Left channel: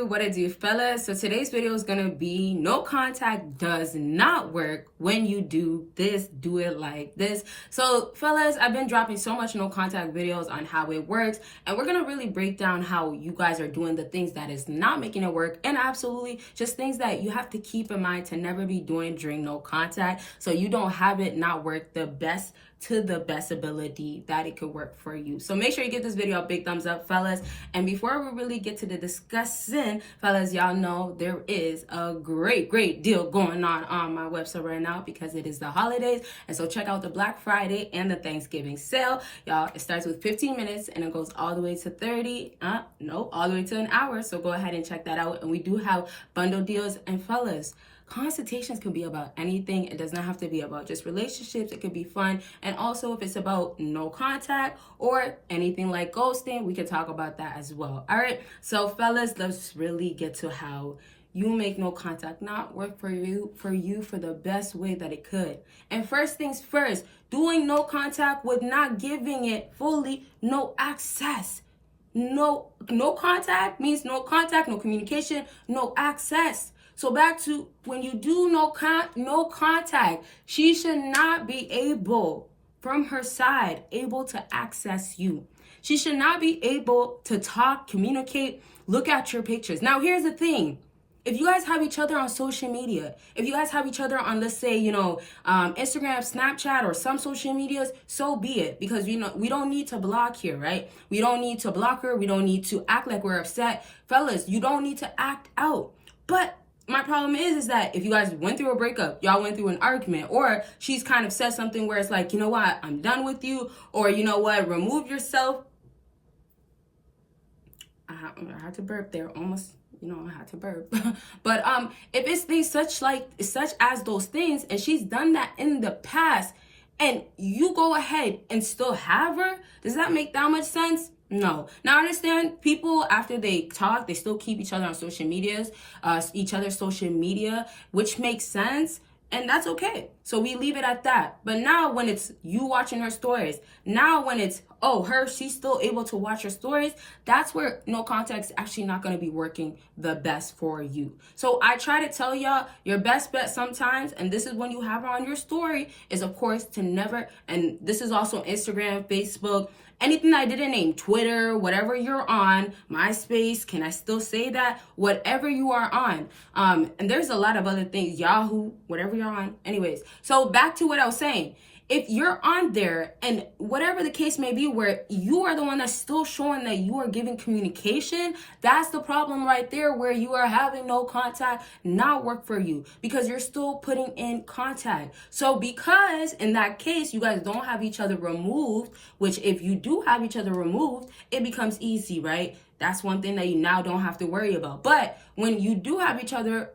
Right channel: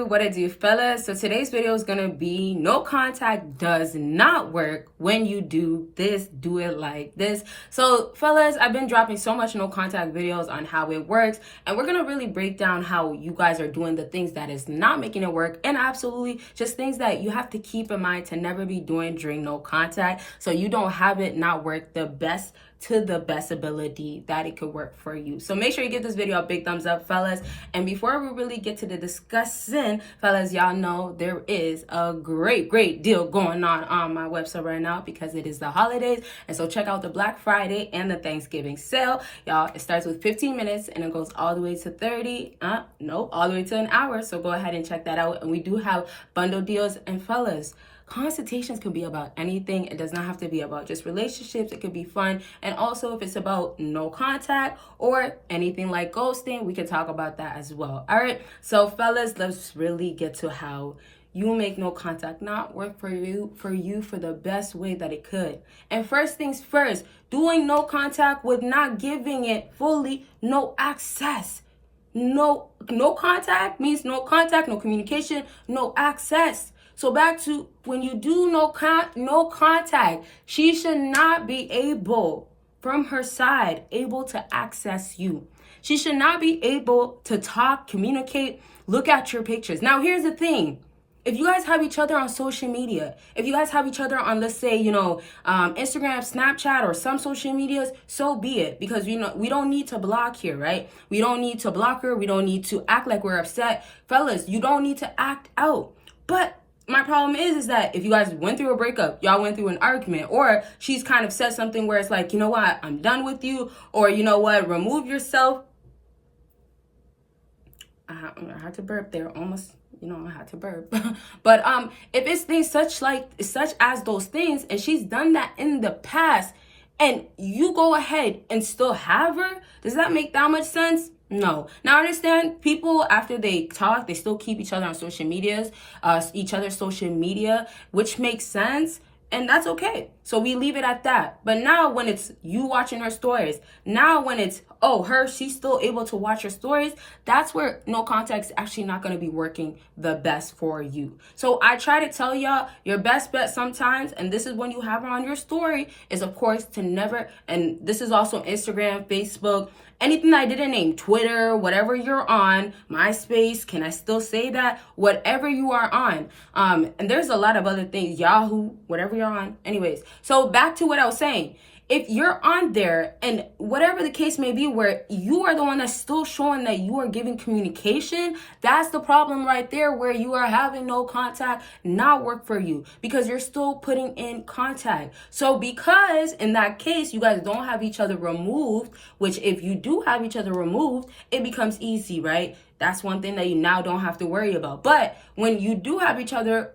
What it do, fellas? So today's video is gonna be no contact does not work when you do this, do it like this. So fellas, I've been dropping so much no contact videos on how it works, and we're gonna really break down how you guys are doing the things that is not making it work, and absolutely just things that you have to keep in mind to never be doing during no contact, so you don't have it not work the best to the best ability that it could work for you. So make sure you give this video a big thumbs up, fellas. And before we really get to the discussing, fellas, y'all know there is a great deal going on my website right now because it is the holidays. And so check out the Black Friday and the Thanksgiving sale. Y'all, it starts with 15 minutes and it goes all the way to 30, all the way to an hour. So go ahead and check that out. And we do have bundle deals. And fellas, consultations can be about anything. It does not have to be about just relationships. It could be fun. And also if it's about no contact or anything like ghosting, we can talk about that as well. All right. So fellas, let's really get to how you make no contact not work for you for the best way that it could. And first things first, doing no contact with not giving it fully no access. No contact means no contact, no communication, no access. So back to when you do no contact, she should not be able, from her side, able to access you. She should not be able to talk, communicate, look at your pictures. Now, here's the thing. If you guys have each other on social media, if you guys have each other on, let's say, Instagram, Snapchat, or some social medias, so be it. Because, we don't need to block here, right? We don't need to block her. We don't need to act like we're upset. Fellas, you don't need to act out. But my problem is that if you guys went through a breakup, y'all went through an argument, or she's kind of said something where it's like, you know what, I'm done with you, or you know what, remove yourself. I had to burp there, almost, I had to burp. But if it's things such as those things, and she's done that in the past, and you go ahead and still have her, does that make that much sense? No. Now, I understand people, after they talk, they still keep each other on social medias, each other's social media, which makes sense. And that's okay. So we leave it at that. But now when it's you watching her stories, now when it's, she's still able to watch her stories, that's where no contact is actually not going to be working the best for you. So I try to tell y'all your best bet sometimes, and this is when you have her on your story, is of course to never, and this is also Instagram, Facebook, anything I didn't name, Twitter, whatever you're on, MySpace, can I still say that? Whatever you are on. And there's a lot of other things, Yahoo, whatever you're on. Anyways, so back to what I was saying. If you're on there and whatever the case may be where you are the one that's still showing that you are giving communication, that's the problem right there, where you are having no contact not work for you because you're still putting in contact. So because in that case, you guys don't have each other removed, which if you do have each other removed, it becomes easy, right? That's one thing that you now don't have to worry about. But when you do have each other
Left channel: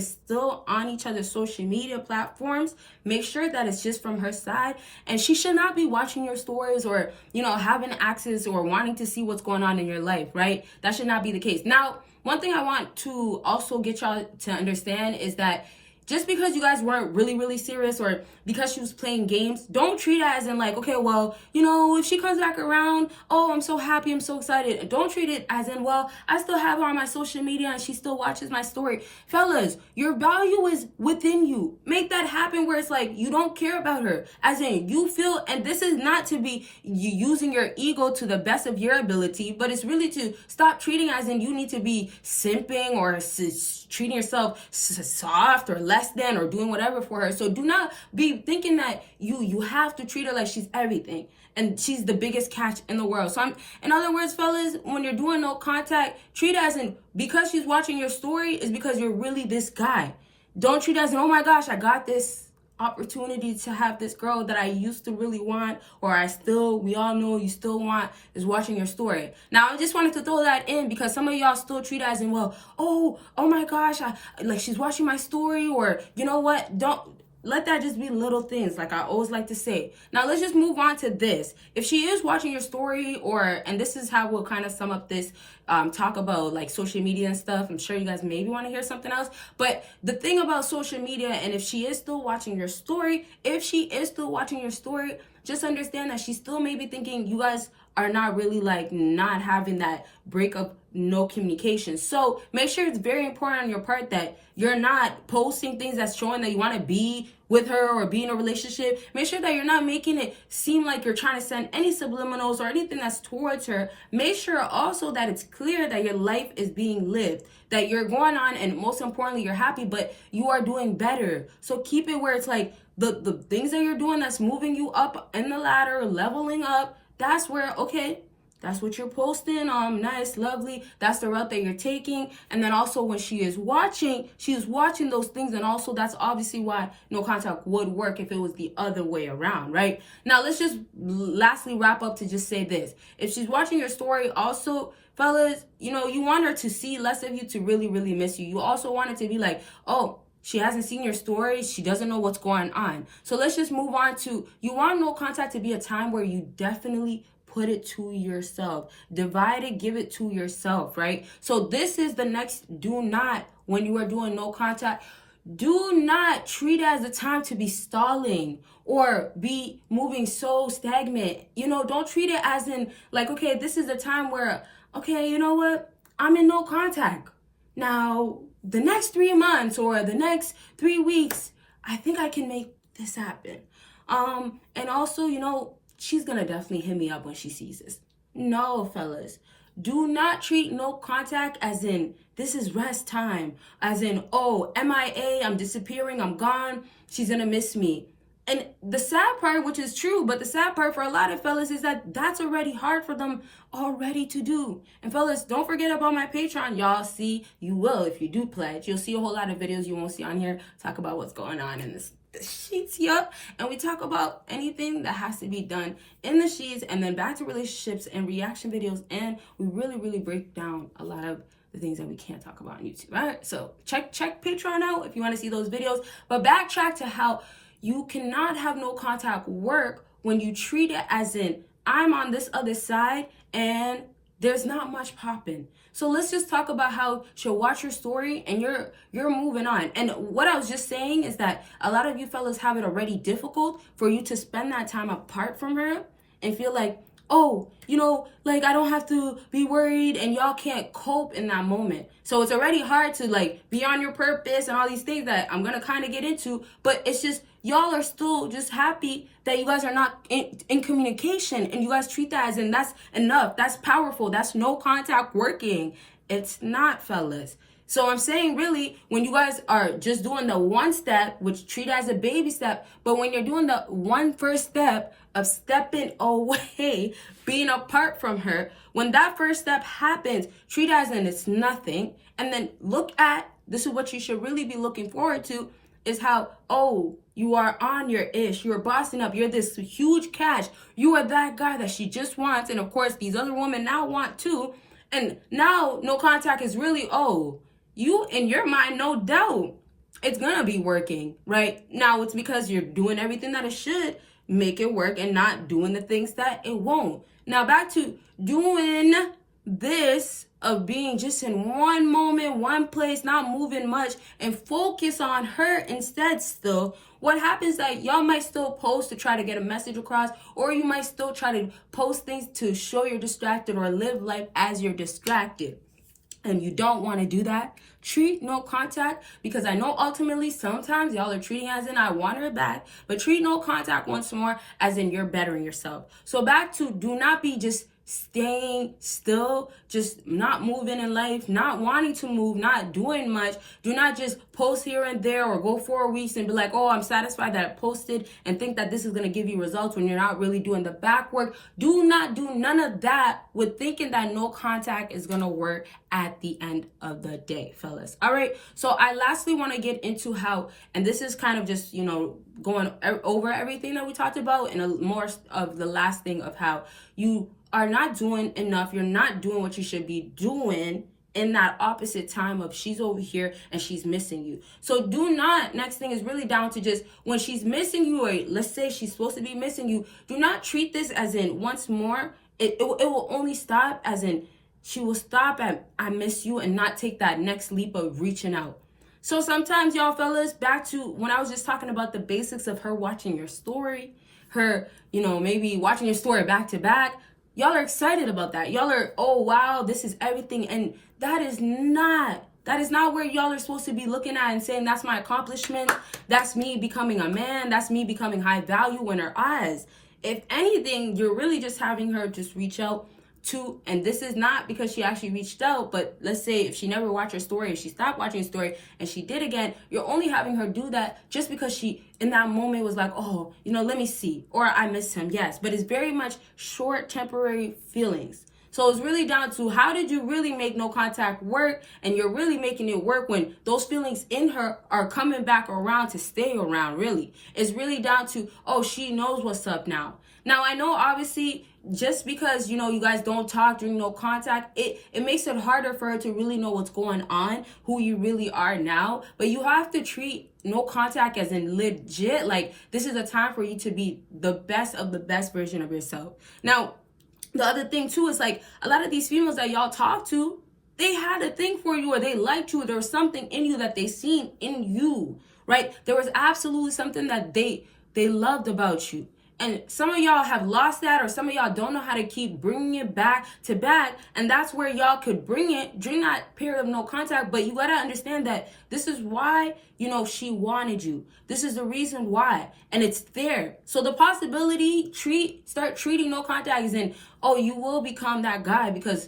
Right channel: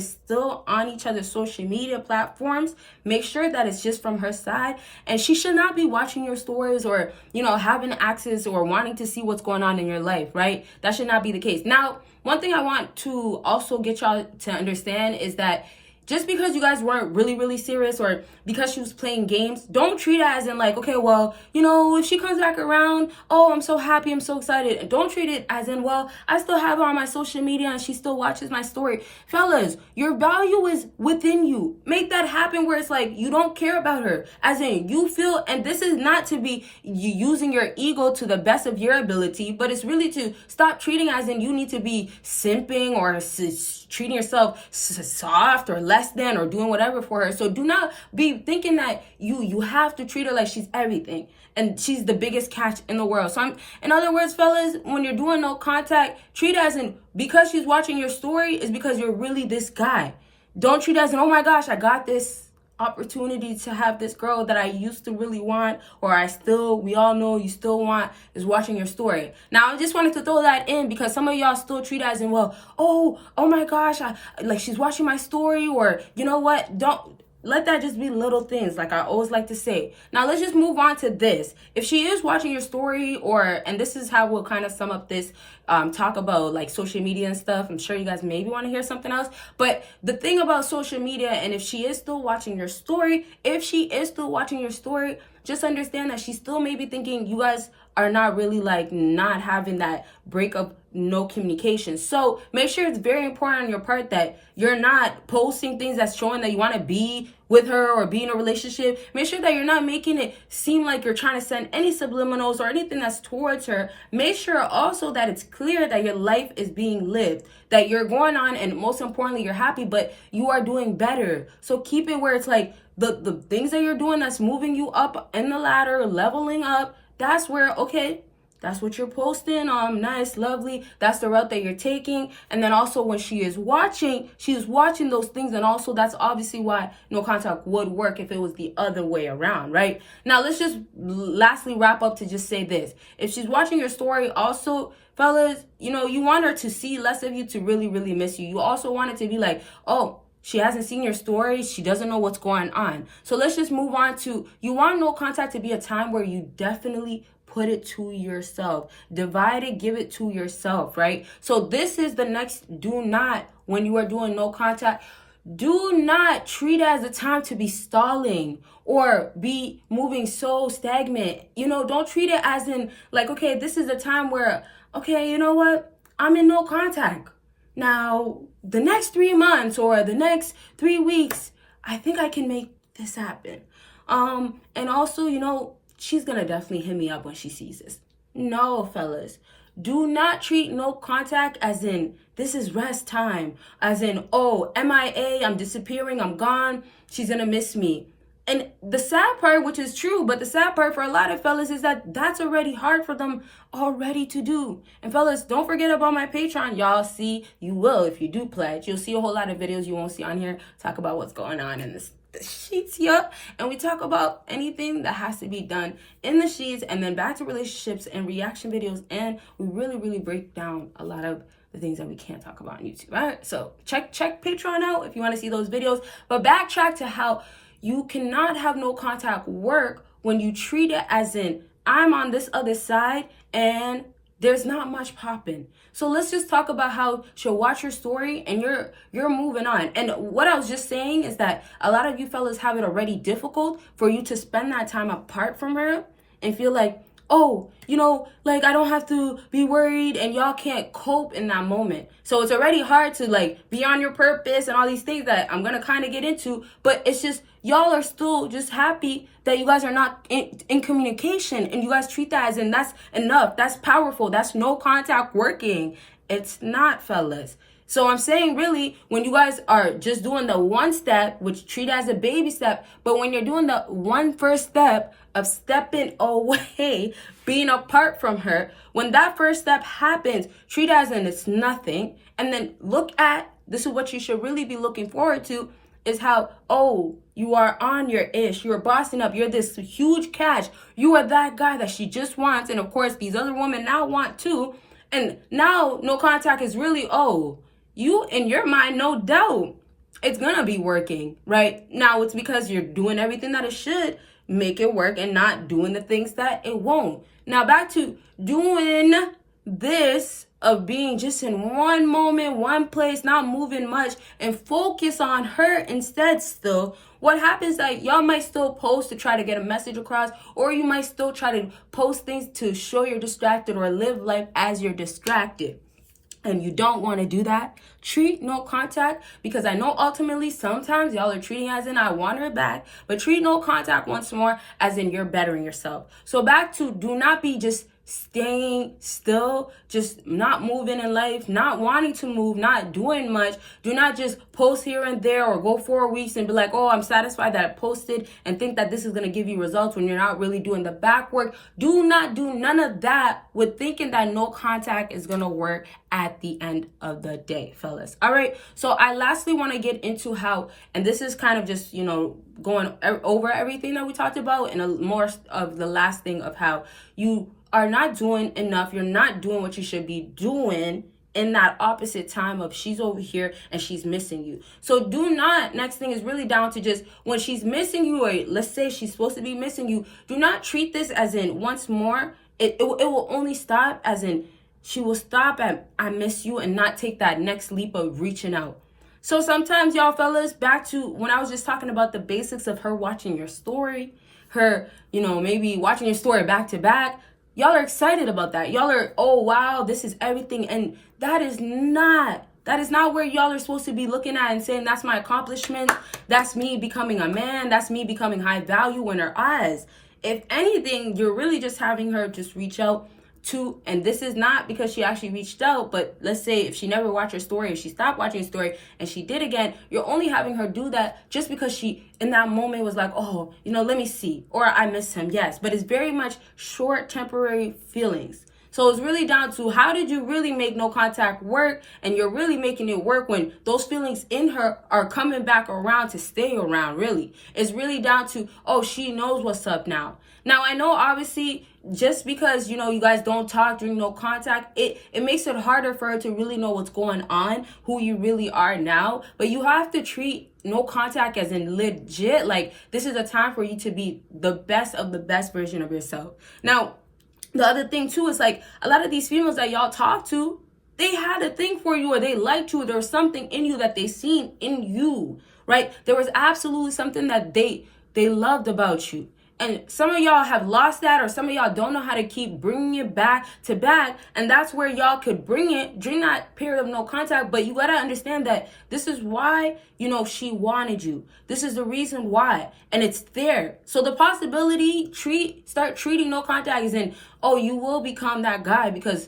still on each other's social media platforms, make sure that it's just from her side. And she should not be watching your stories or, having access or wanting to see what's going on in your life, right? That should not be the case. Now, one thing I want to also get y'all to understand is that just because you guys weren't really serious, or because she was playing games, don't treat it as in like, okay, well, if she comes back around, I'm so happy, I'm so excited. Don't treat it as in, well, I still have her on my social media and she still watches my story. Fellas, your value is within you. Make that happen where it's like you don't care about her. As in, you feel, and this is not to be you using your ego to the best of your ability, but it's really to stop treating as in you need to be simping or treating yourself soft or less than or doing whatever for her. So do not be thinking that you have to treat her like she's everything and she's the biggest catch in the world. So in other words, fellas, when you're doing no contact, treat it as in because she's watching your story is because you're really this guy. Don't treat it as in, oh my gosh, I got this opportunity to have this girl that I used to really want, or we all know you still want, is watching your story. Now, I just wanted to throw that in because some of y'all still treat it as in, well, oh my gosh, she's watching my story, or you know what, don't let that just be little things, like I always like to say. Now, let's just move on to this. If she is watching your story, and this is how we'll kind of sum up this talk about like social media and stuff. I'm sure you guys maybe want to hear something else, but the thing about social media, and if she is still watching your story, just understand that she's still maybe thinking you guys are not really like not having that break of no communication. So make sure it's very important on your part that you're not posting things that's showing that you want to be with her or be in a relationship. Make sure that you're not making it seem like you're trying to send any subliminals or anything that's towards her. Make sure also that it's clear that your life is being lived, that you're going on, and most importantly, you're happy, but you are doing better. So keep it where it's like the things that you're doing that's moving you up in the ladder, leveling up, that's where, okay, that's what you're posting. Nice, lovely. That's the route that you're taking. And then also when she is watching those things. And also that's obviously why no contact would work if it was the other way around, right? Now, let's just lastly wrap up to just say this. If she's watching your story, also, fellas, you want her to see less of you to really, really miss you. You also want it to be like, oh, she hasn't seen your story. She doesn't know what's going on. So let's just move on to, you want no contact to be a time where you definitely put it to yourself. Divide it, give it to yourself, right? So this is the next do not, when you are doing no contact, do not treat it as a time to be stalling or be moving so stagnant. Don't treat it as in like, okay, this is a time where, okay, you know what? I'm in no contact. Now, the next 3 months or the next 3 weeks, I think I can make this happen. And also, she's going to definitely hit me up when she sees this. No, fellas. Do not treat no contact as in, this is rest time. As in, oh, MIA, I'm disappearing, I'm gone, she's going to miss me. And the sad part, which is true, but the sad part for a lot of fellas is that that's already hard for them already to do. And fellas, don't forget about my Patreon. Y'all see, you will if you do pledge. You'll see a whole lot of videos you won't see on here. Talk about what's going on in the sheets here. And we talk about anything that has to be done in the sheets, and then back to relationships and reaction videos. And we really, really break down a lot of the things that we can't talk about on YouTube. All right, so check Patreon out if you want to see those videos. But backtrack to how you cannot have no contact work when you treat it as in, I'm on this other side and there's not much popping. So let's just talk about how she'll watch your story and you're moving on. And what I was just saying is that a lot of you fellas have it already difficult for you to spend that time apart from her and feel like, oh, like I don't have to be worried, and y'all can't cope in that moment. So it's already hard to like be on your purpose and all these things that I'm going to kind of get into, but it's just y'all are still just happy that you guys are not in communication, and you guys treat that as in that's enough, that's powerful, that's no contact working. It's not, fellas. So I'm saying really, when you guys are just doing the one step, which treat it as a baby step, but when you're doing the one first step of stepping away, being apart from her, when that first step happens, treat it as in it's nothing. And then look at, this is what you should really be looking forward to, is how, oh, you are on your ish, you're bossing up, you're this huge catch, you are that guy that she just wants, and of course these other women now want too. And now no contact is really, oh, you in your mind, no doubt, it's gonna be working, right? Now it's because you're doing everything that it should make it work and not doing the things that it won't. Now back to doing this of being just in one moment, one place, not moving much, and focus on her instead still. What happens that y'all might still post to try to get a message across, or you might still try to post things to show you're distracted or live life as you're distracted. And you don't want to do that. Treat no contact, because I know ultimately sometimes y'all are treating as in I want her back, but treat no contact once more as in you're bettering yourself. So back to, do not be just staying still, just not moving in life, not wanting to move, not doing much. Do not just post here and there or go 4 weeks and be like, oh, I'm satisfied that I posted, and think that this is going to give you results when you're not really doing the back work. Do not do none of that with thinking that no contact is going to work at the end of the day, fellas. All right. So I lastly want to get into how, and this is kind of just, going over everything that we talked about, and a more of the last thing of how you are not doing enough. You're not doing what you should be doing in that opposite time of she's over here and she's missing you. So do not, next thing is really down to just when she's missing you, or let's say she's supposed to be missing you, do not treat this as in once more. It will only stop as in she will stop at I miss you and not take that next leap of reaching out. So sometimes y'all fellas, back to when I was just talking about the basics of her watching your story, her, maybe watching your story back to back. y'all are excited about that. Y'all are, oh wow, this is everything. And that is not where y'all are supposed to be looking at and saying, that's my accomplishment. That's me becoming a man. That's me becoming high value in her eyes. If anything, you're really just having her just reach out to, and this is not because she actually reached out, but let's say if she never watched her story, if she stopped watching her story and she did again, you're only having her do that just because she in that moment was like, oh, let me see, or I miss him. Yes, but it's very much short, temporary feelings. So it's really down to, how did you really make no contact work? And you're really making it work when those feelings in her are coming back around to stay around, really. It's really down to, oh, she knows what's up now. Now, I know obviously just because, you guys don't talk during no contact, it makes it harder for her to really know what's going on, who you really are now. But you have to treat no contact as in legit. Like, this is a time for you to be the best of the best version of yourself. Now, the other thing too is, like, a lot of these females that y'all talk to, they had a thing for you, or they liked you, or there was something in you that they seen in you, right? There was absolutely something that they loved about you. And some of y'all have lost that, or some of y'all don't know how to keep bringing it back to back. And that's where y'all could bring it during that period of no contact. But you got to understand that this is why, she wanted you. This is the reason why. And it's there. So the possibility, start treating no contact as in, oh, you will become that guy, because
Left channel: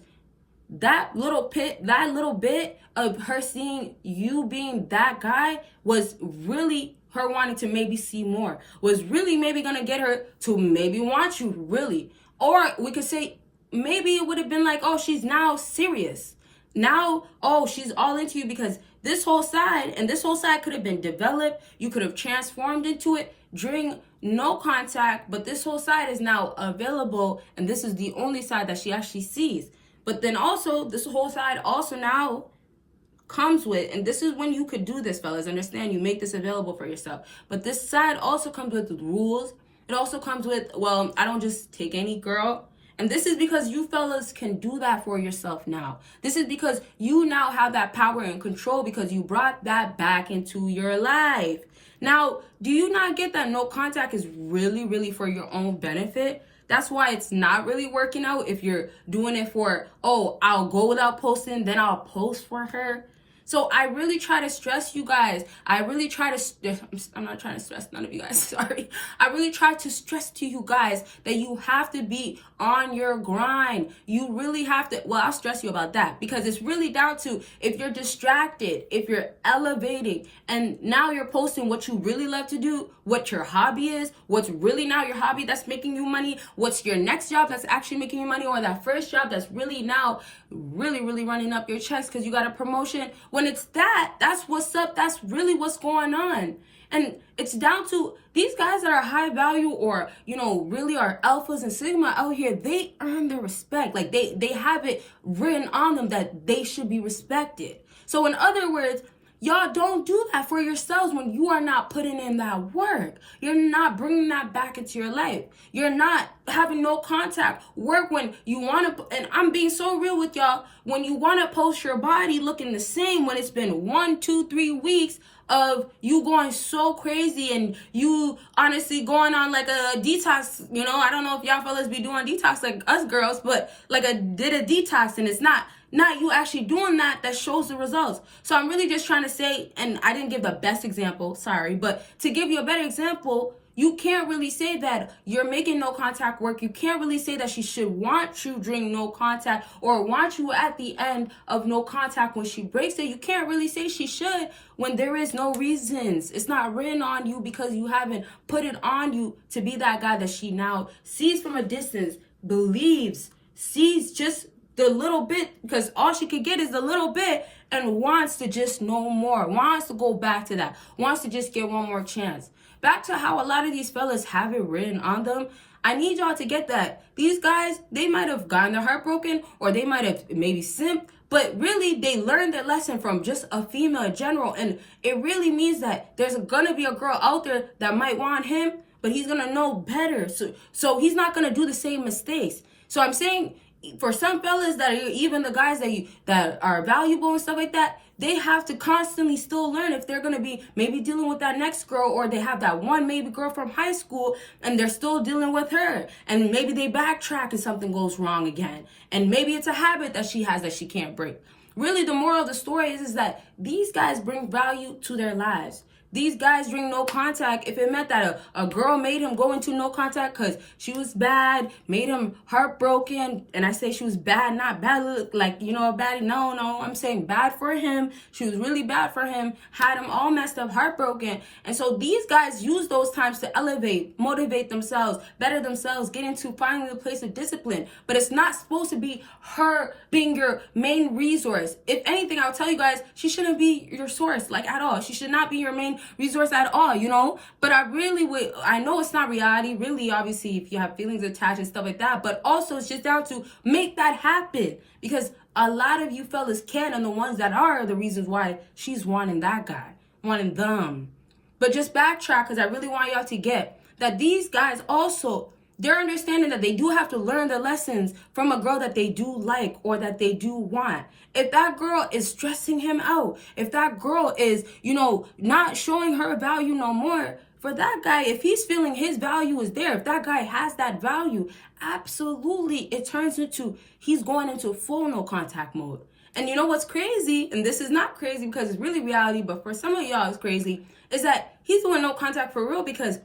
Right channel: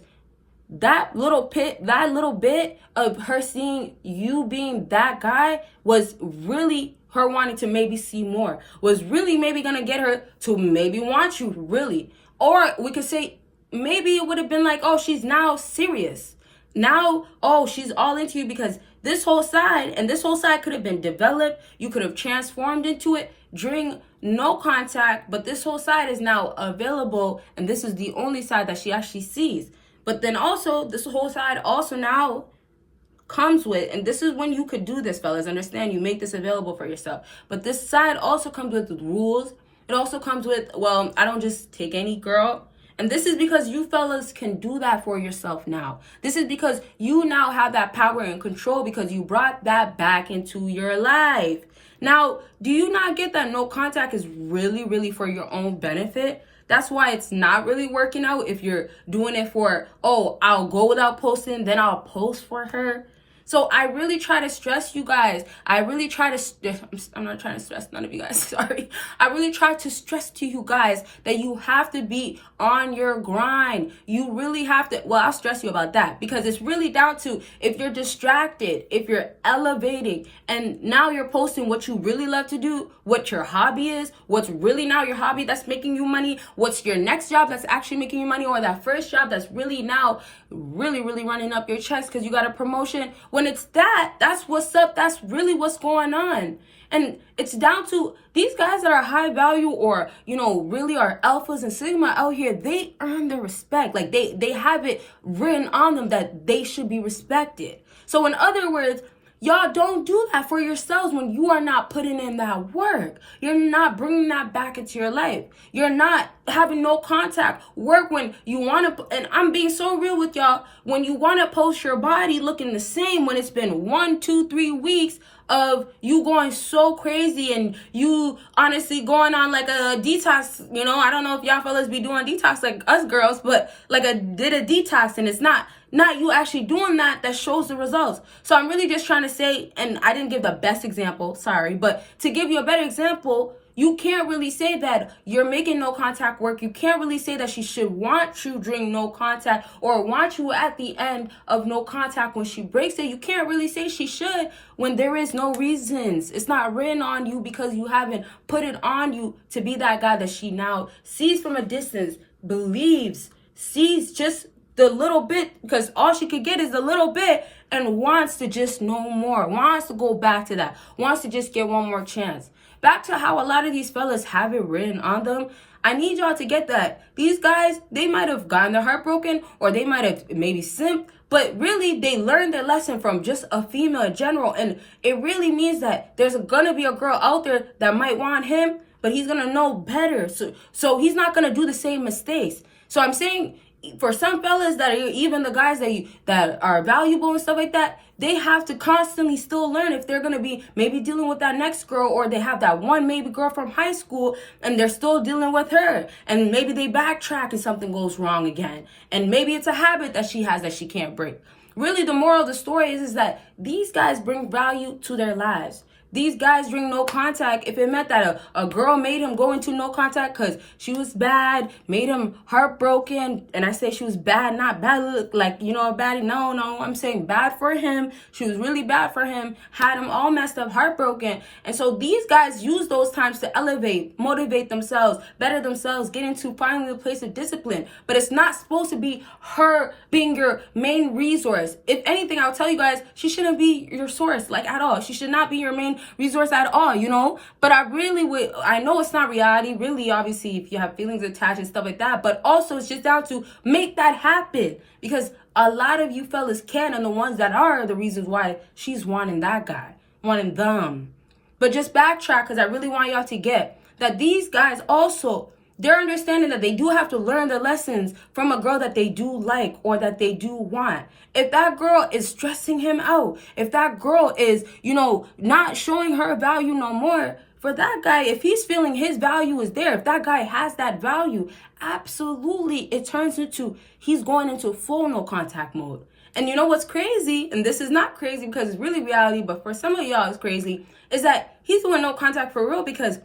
that little bit of her seeing you being that guy was really her wanting to maybe see more, was really maybe gonna get her to maybe want you, really. Or we could say maybe it would have been like, oh, she's now serious. Now, oh, she's all into you, because this whole side could have been developed. You could have transformed into it during no contact, but this whole side is now available, and this is the only side that she actually sees. But then also, this whole side also now comes with, and this is when you could do this, fellas, understand, you make this available for yourself, but this side also comes with rules. It also comes with, well, I don't just take any girl. And this is because you fellas can do that for yourself now. This is because you now have that power and control, because you brought that back into your life. Now, do you not get that no contact is really, really for your own benefit? That's why it's not really working out if you're doing it for, oh, I'll go without posting, then I'll post for her. So I really try to stress you guys. I'm not trying to stress none of you guys, sorry. I really try to stress to you guys that you have to be on your grind. You really have to, well, I'll stress you about that, because it's really down to, if you're distracted, if you're elevating, and now you're posting what you really love to do, what your hobby is, what's really now your hobby that's making you money, what's your next job that's actually making you money, or that first job that's really now really, really running up your chest because you got a promotion. When it's that's what's up. That's really what's going on. And it's down to these guys that are high value, or, really are alphas and sigma out here, they earn their respect. Like they have it written on them that they should be respected. So in other words, y'all don't do that for yourselves when you are not putting in that work. You're not bringing that back into your life. You're not having no contact work when you want to, and I'm being so real with y'all, when you want to post your body looking the same when it's been 1, 2, 3 weeks of you going so crazy, and you honestly going on like a detox, I don't know if y'all fellas be doing detox like us girls, but like did a detox, and it's not you actually doing that shows the results. So I'm really just trying to say, and I didn't give the best example, sorry, but to give you a better example, you can't really say that you're making no contact work. You can't really say that she should want you during no contact, or want you at the end of no contact when she breaks it. You can't really say she should when there is no reasons. It's not written on you because you haven't put it on you to be that guy that she now sees from a distance, believes, sees just the little bit, because all she could get is a little bit, and wants to just know more, wants to go back to that, wants to just get one more chance. Back to how a lot of these fellas have it written on them. I need y'all to get that. These guys, they might have gotten their heart broken, or they might have maybe simped, but really they learned their lesson from just a female in general. And it really means that there's gonna be a girl out there that might want him, but he's gonna know better. So he's not gonna do the same mistakes. So I'm saying, for some fellas that are even the guys that are valuable and stuff like that, they have to constantly still learn if they're gonna be maybe dealing with that next girl, or they have that one maybe girl from high school and they're still dealing with her, and maybe they backtrack and something goes wrong again, and maybe it's a habit that she has that she can't break. Really, the moral of the story is that these guys bring value to their lives. These guys bring no contact. If it meant that a girl made him go into no contact because she was bad, made him heartbroken, and I say she was bad, not bad, like, you know, bad. No, I'm saying bad for him. She was really bad for him, had him all messed up, heartbroken. And so these guys use those times to elevate, motivate themselves, better themselves, get into finally a place of discipline. But it's not supposed to be her being your main resource. If anything, I'll tell you guys, she shouldn't be your source, like, at all. She should not be your main resource at all, you know. But I know it's not reality, really. Obviously, if you have feelings attached and stuff like that, but also it's just down to make that happen, because a lot of you fellas can, and the ones that are the reasons why she's wanting that guy, wanting them. But just backtrack, because I really want y'all to get that these guys also, they're understanding that they do have to learn their lessons from a girl that they do like or that they do want. If that girl is stressing him out, if that girl is, you know, not showing her value no more, for that guy, if he's feeling his value is there, if that guy has that value, absolutely, it turns into, he's going into full no contact mode. And you know what's crazy, and this is not crazy because it's really reality, but for some of y'all it's crazy, is that he's doing no contact for real because,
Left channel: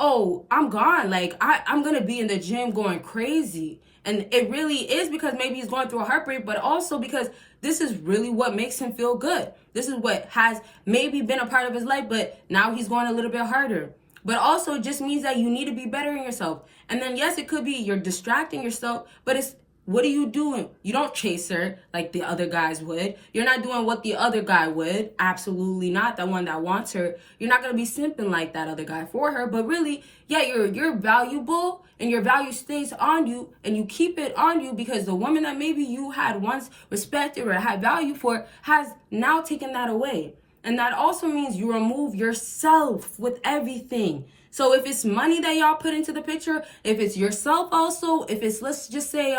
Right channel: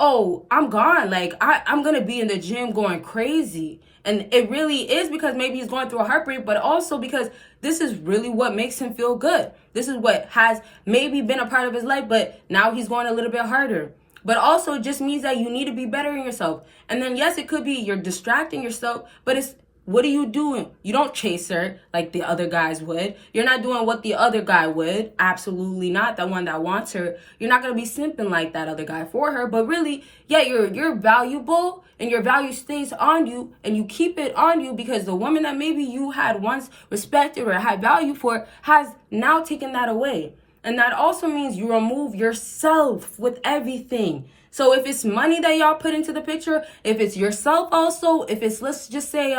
oh, I'm gone. Like, I'm going to be in the gym going crazy. And it really is because maybe he's going through a heartbreak, but also because this is really what makes him feel good. This is what has maybe been a part of his life, but now he's going a little bit harder. But also it just means that you need to be bettering yourself. And then, yes, it could be you're distracting yourself, but it's, what are you doing? You don't chase her like the other guys would. You're not doing what the other guy would. Absolutely not. The one that wants her. You're not going to be simping like that other guy for her. But really, yeah, you're valuable, and your value stays on you, and you keep it on you because the woman that maybe you had once respected or had value for has now taken that away. And that also means you remove yourself with everything. So if it's money that y'all put into the picture, if it's yourself also, if it's, let's just say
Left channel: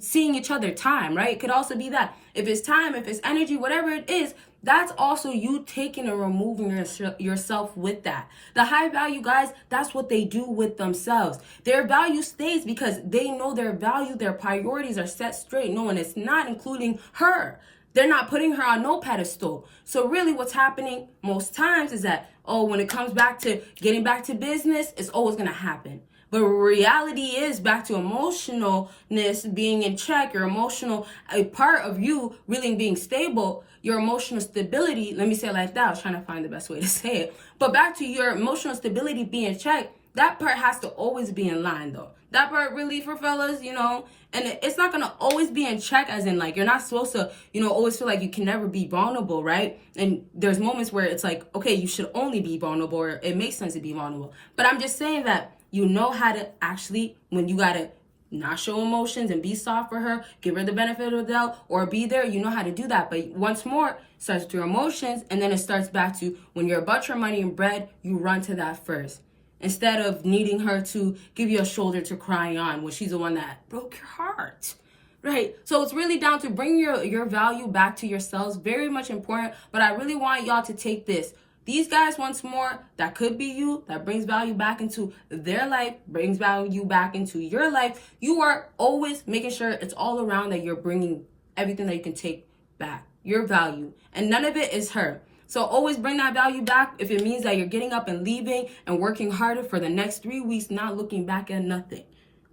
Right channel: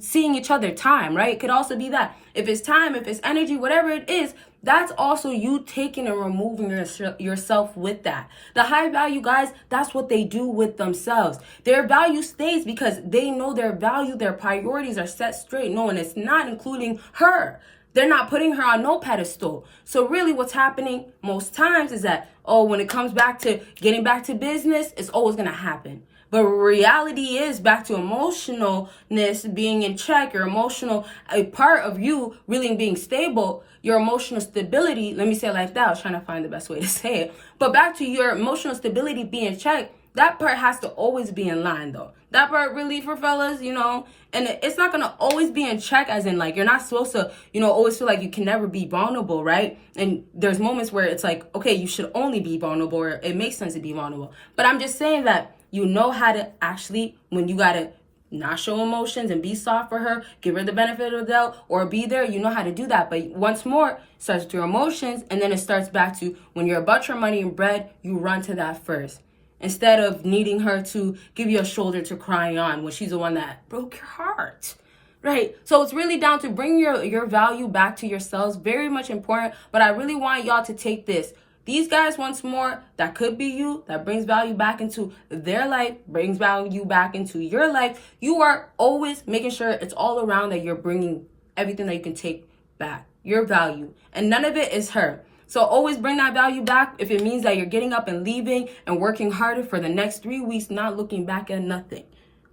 seeing each other time, right? It could also be that. If it's time, if it's energy, whatever it is, that's also you taking and removing yourself with that. The high value guys, that's what they do with themselves. Their value stays because they know their value, their priorities are set straight. No, and it's not including her. They're not putting her on no pedestal. So really what's happening most times is that, oh, when it comes back to getting back to business, it's always going to happen. But reality is back to emotionalness being in check, your emotional, a part of you really being stable, your emotional stability. Let me say it like that. I was trying to find the best way to say it. But back to your emotional stability being checked, that part has to always be in line, though. That part really for fellas, you know, and it's not going to always be in check, as in, like, you're not supposed to, you know, always feel like you can never be vulnerable, right? And there's moments where it's like, okay, you should only be vulnerable, or it makes sense to be vulnerable. But I'm just saying that you know how to actually, when you got to not show emotions and be soft for her, give her the benefit of the doubt, or be there, you know how to do that. But once more, it starts with your emotions, and then it starts back to when you're about your money and bread, you run to that first. Instead of needing her to give you a shoulder to cry on when she's the one that broke your heart, right? So it's really down to bring your value back to yourselves. Very much important. But I really want y'all to take this. These guys, once more, that could be you, that brings value back into their life, brings value back into your life. You are always making sure it's all around that you're bringing everything that you can take back, your value. And none of it is her. So always bring that value back if it means that you're getting up and leaving and working harder for the next 3 weeks, not looking back at nothing.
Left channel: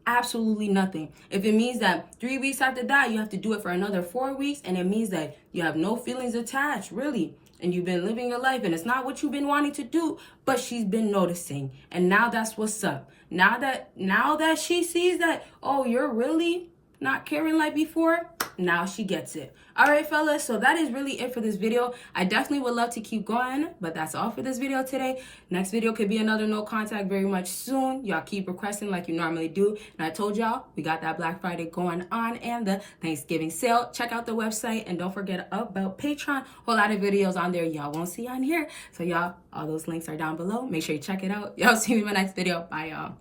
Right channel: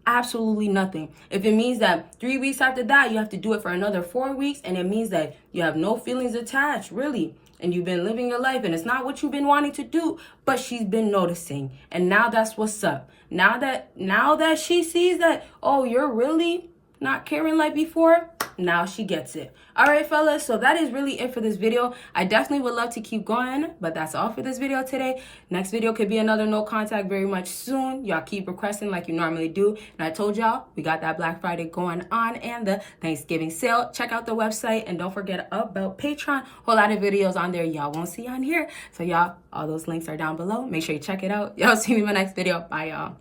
Absolutely nothing. If it means that 3 weeks after that, you have to do it for another 4 weeks, and it means that you have no feelings attached, really, and you've been living your life, and it's not what you've been wanting to do, but she's been noticing, and now that's what's up. Now that she sees that, oh, you're really not caring like before, now she gets it. All right, fellas, so that is really it for this video. I definitely would love to keep going, but that's all for this video today. Next video could be another no contact very much soon. Y'all keep requesting like you normally do. And I told y'all, we got that Black Friday going on and the Thanksgiving sale. Check out the website, and don't forget about Patreon. Whole lot of videos on there y'all won't see on here. So y'all, all those links are down below. Make sure you check it out. Y'all see me in my next video. Bye, y'all.